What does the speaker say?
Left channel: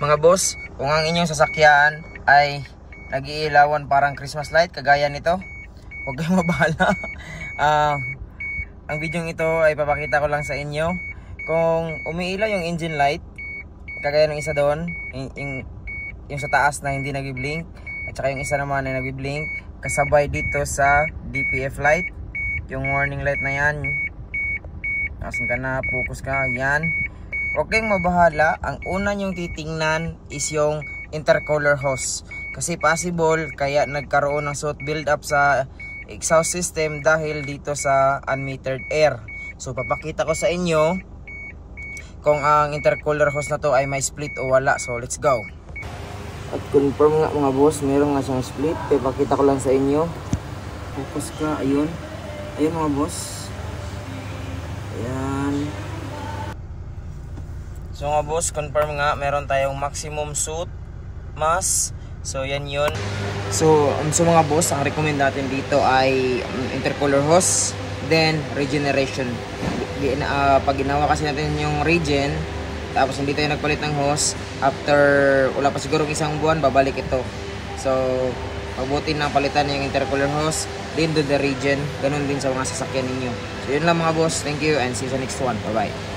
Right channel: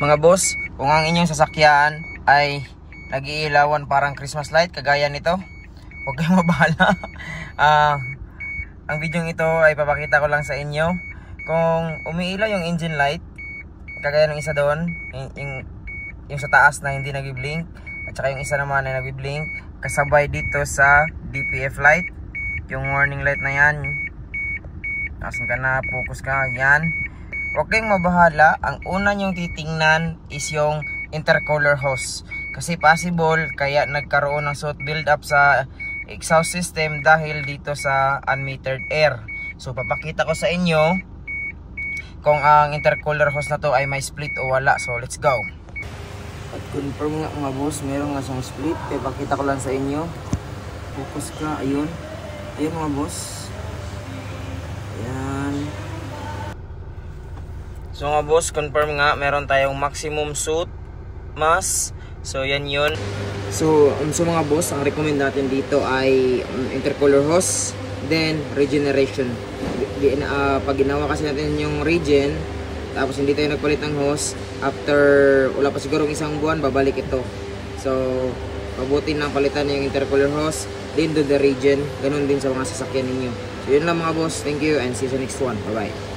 Mga boss, kung ang inyong sasakyan ay nag-iilawan parang Christmas light kagaya nito, huwag kayong mabahala. Ang video ito ay papakita ko lang sa inyo kung umiilaw yung engine light kagaya ng isa doon, yung sa taas na hindi nag-blink, at saka yung isa naman na nag-blink kasabay dito sa DPF light, yung warning light na yan. Asan ka na, focus ka, yan. Huwag kayong mabahala. Ang una nyong titingnan is yung intercooler hose, kasi possible kaya nagkaroon ng soot build-up sa exhaust system dahil dito sa unmetered air. So papakita ko sa inyo kung ang intercooler hose na to ay may split o wala. So let's go. At confirm nga mga boss, meron nga siyang split. Kaya pakita ko lang sa inyo. Focus ka, ayun. Ayun mga boss. Ayan. So mga boss, confirm nga, meron tayong maximum soot mass. So yan yun. So mga boss, ang recommend natin dito ay intercooler hose, then regeneration. Pag ginawa kasi natin yung regen, tapos hindi tayo nagpalit ng hose, after wala pa siguro isang buwan, babalik ito. So mabuti na palitan yung intercooler hose, then do the regen. Ganun din sa mga sasakyan ninyo. So yun lang mga boss, thank you and see you sa next one. Bye bye.